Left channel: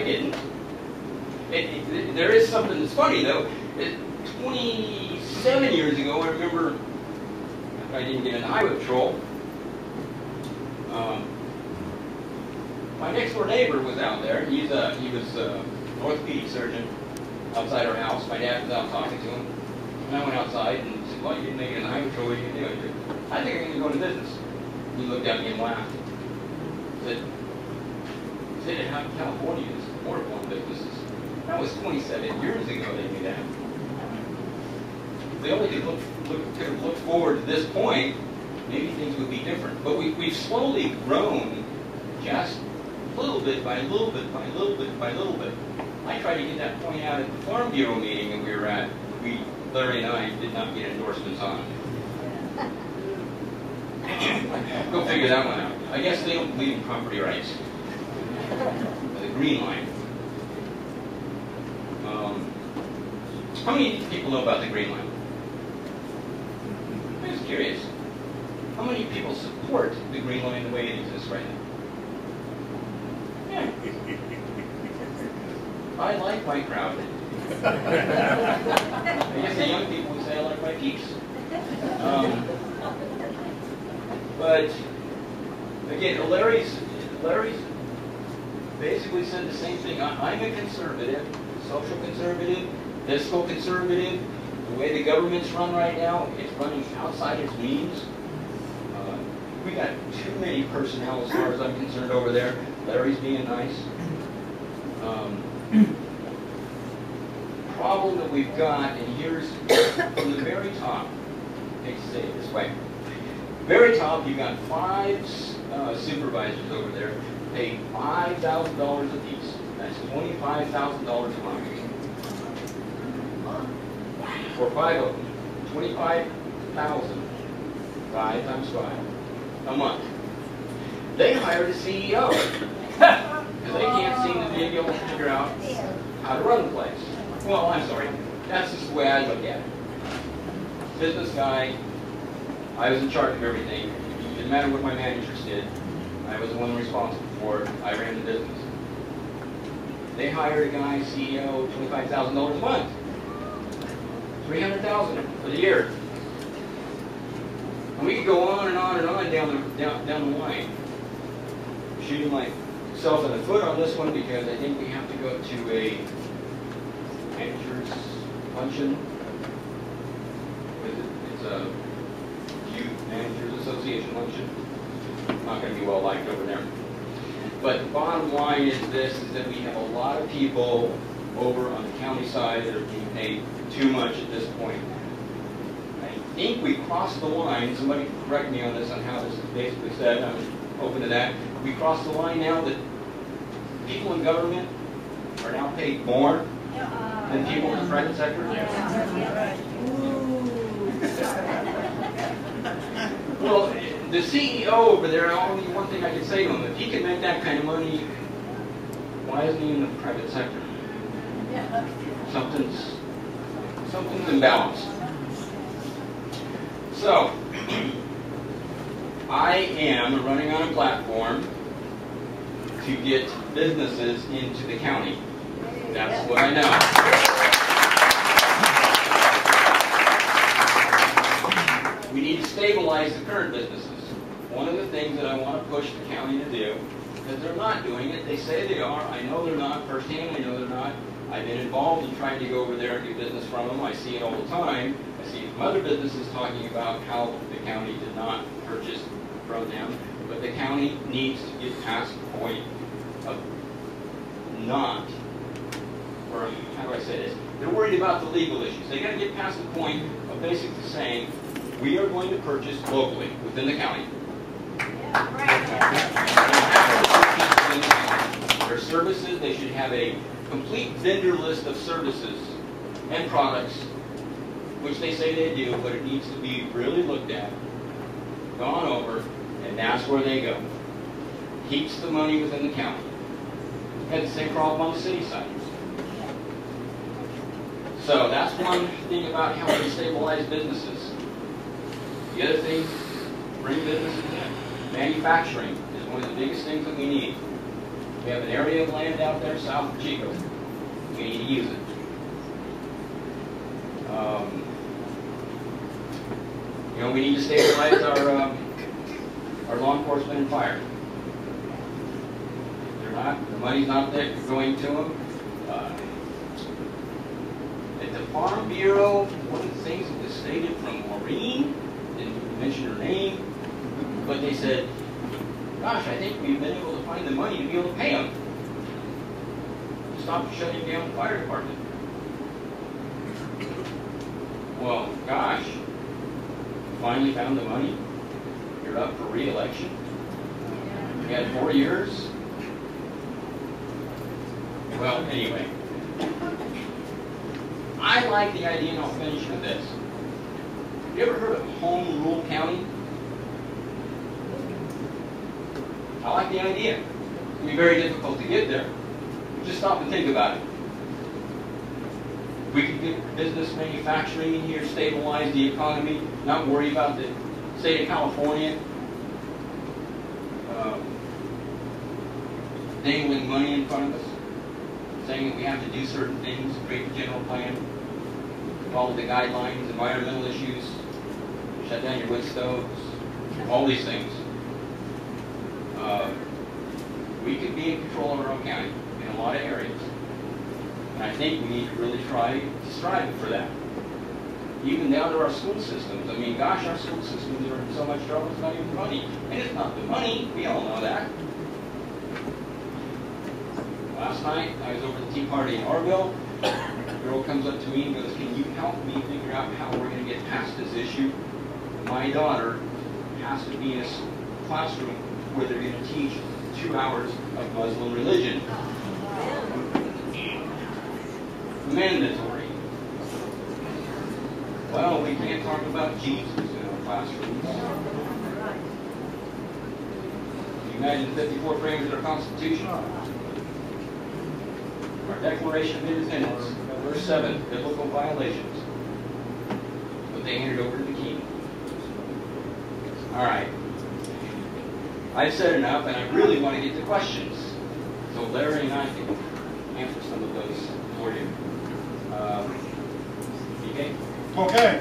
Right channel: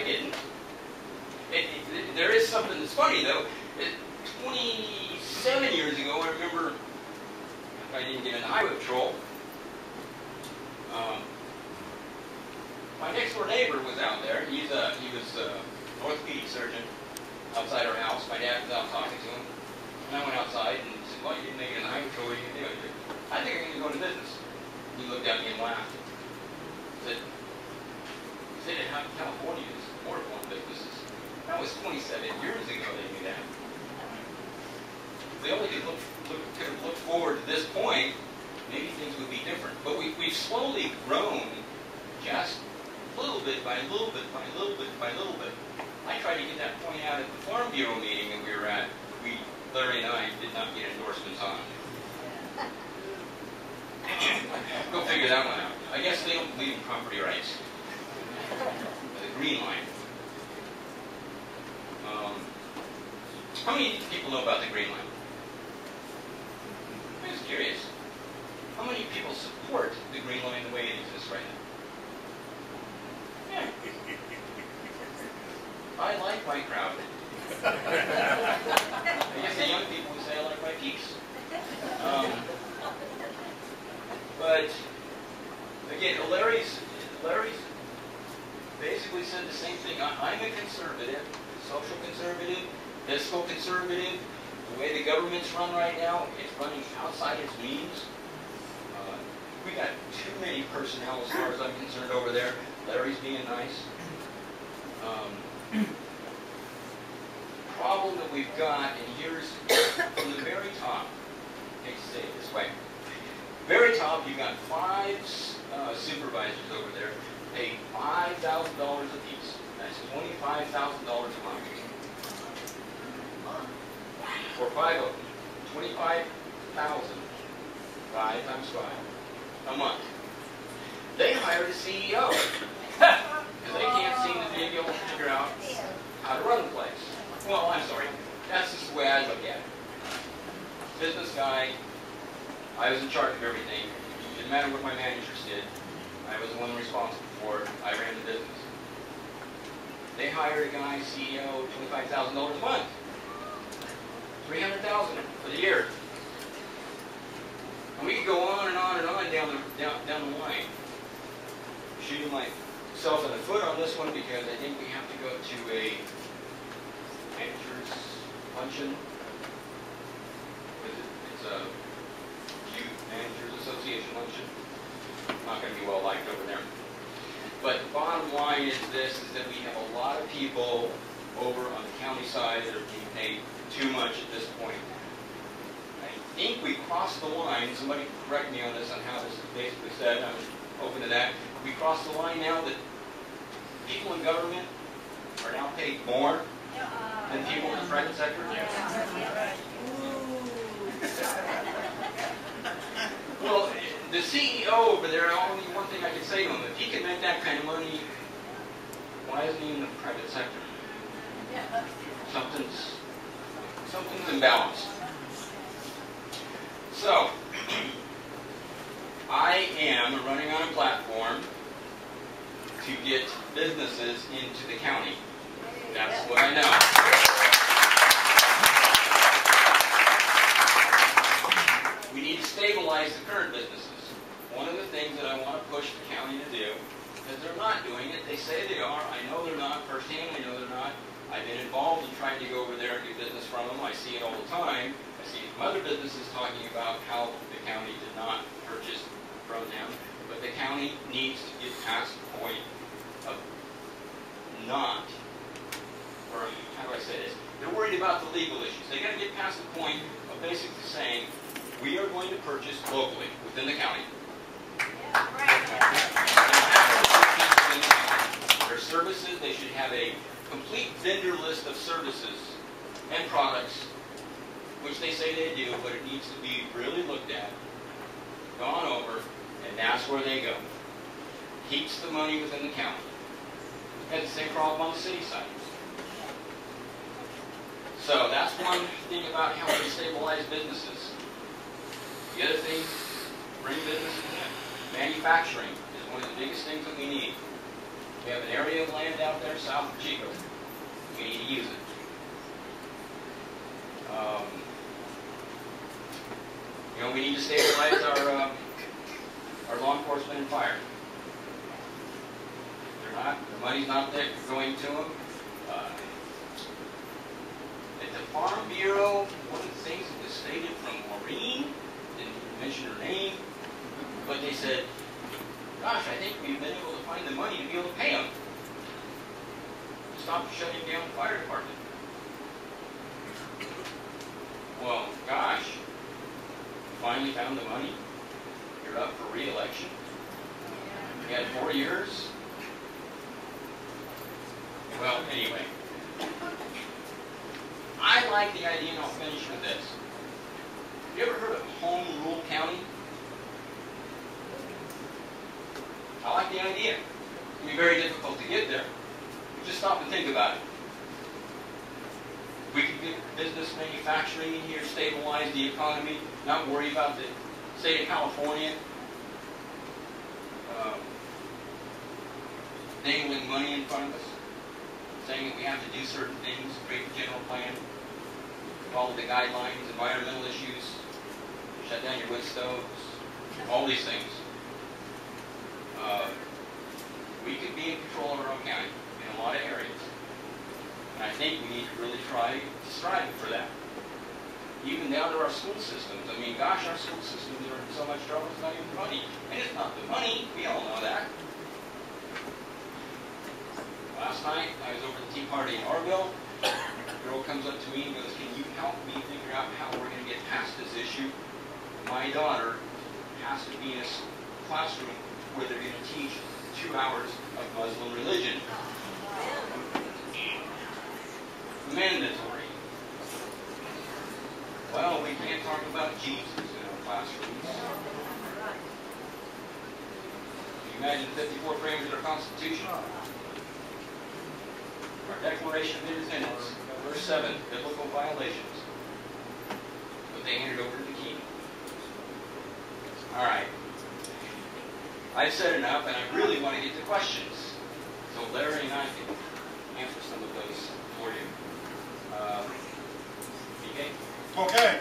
I didn't. There is something that's funny, though. 27 years ago, I remember I didn't get in the highway patrol. My next door neighbor was out there. He was an orthopedic surgeon outside our house. My dad was out talking to him. And I went outside and said, well, you didn't make it in the highway patrol. What are you going to do? I think I'm going to go into business. He looked at me and laughed. He said, how California is horrible in businesses. That was 27 years ago they knew that. If they only could have looked forward to this point, maybe things would be different. But we've slowly grown just a little bit by little bit by little bit by little bit. I tried to get that point out at the Farm Bureau meeting that we were at. Larry and I did not get endorsements on. Go figure that one out. I guess they don't believe in property rights. The green line. How many people know about the green line? I'm just curious. How many people support the green line the way it exists right now? Yeah. I like my crowd. I guess the young people would say I like my peeps. But again, Larry's basically said the same thing. I'm a conservative, social conservative, fiscal conservative. The way the government's run right now, it's running outside its means. We got too many personnel as far as I'm concerned over there. Larry's being nice. Problem that we've got, and here's from the very top. I hate to say it this way. Very top, you've got 5 supervisors over there, pay $5,000 apiece. That's $25,000 a month. For 5 of them, $25,000, 5 times 5, a month. They hired a CEO because they can't seem to be able to figure out how to run the place. Well, I'm sorry. That's just the way I look at it. Business guy. I was in charge of everything. It didn't matter what my managers did. I was the one responsible for it. I ran the business. They hired a guy, CEO, $25,000 a month. $300,000 for the year. And we could go on and on and on down the line. Shooting myself in the foot on this one because I think we have to go to a manager's luncheon. It's a Youth Managers Association luncheon. Not going to be well liked over there. But the bottom line is this, is that we have a lot of people over on the county side that are being paid too much at this point. I think we crossed the line. Somebody correct me on this, on how this is basically said. I'm open to that. We crossed the line now that people in government are now paid more than people in the private sector. Well, the CEO over there, only one thing I can say to him, if he can make that kind of money, why isn't he in the private sector? Something's imbalanced. So, I am running on a platform to get businesses into the county. That's what I know. We need to stabilize the current businesses. One of the things that I want to push the county to do, because they're not doing it, they say they are, I know they're not, firsthand I know they're not. I've been involved in trying to go over there and do business from them. I see it all the time. I see other businesses talking about how the county did not purchase from them. But the county needs to get past the point of not, or how do I say this? They're worried about the legal issues. They got to get past the point of basically saying, we are going to purchase locally within the county. Their services, they should have a complete vendor list of services and products, which they say they do, but it needs to be really looked at, gone over, and that's where they go. Keeps the money within the county. Has the same problem on the city side. So that's one thing about how we stabilize businesses. The other thing, bring businesses in. Manufacturing is one of the biggest things that we need. We have an area of land out there south of Chico. We need to use it. We need to stabilize our law enforcement and fire. The money's not there going to them. At the Farm Bureau, one of the things that was stated from Maureen, didn't mention her name, but they said, gosh, I think we've been able to find the money to be able to pay them. Stop shutting down the fire department. Well, gosh, you finally found the money. You're up for re-election. You had 4 years. Well, anyway, I like the idea, and I'll finish with this. Have you ever heard of Home Rule County? I like the idea. It'll be very difficult to get there. Just stop and think about it. We could get business manufacturing in here, stabilize the economy, not worry about the state of California dangling money in front of us, saying that we have to do certain things, create a general plan, follow the guidelines, environmental issues, shut down your wood stoves, all these things. We could be in control of our own county in a lot of areas. And I think we need to really try to strive for that. Even down to our school systems. I mean, gosh, our school systems are in so much trouble, it's not even money. And it's not the money, we all know that. Last night, I was over at the Tea Party in Orville. A girl comes up to me and goes, can you help me figure out how we're going to get past this issue? My daughter has to be in a classroom where they're going to teach 2 hours of Muslim religion. Mandatory. Well, we can't talk about Jesus in our classrooms. Can you imagine the 54 frames of our Constitution? Our Declaration of Independence, verse 7, biblical violations. But they handed over to the king. All right. I've said enough, and I really want to get to questions. So Larry and I can answer some of those for you. Okay? Okay.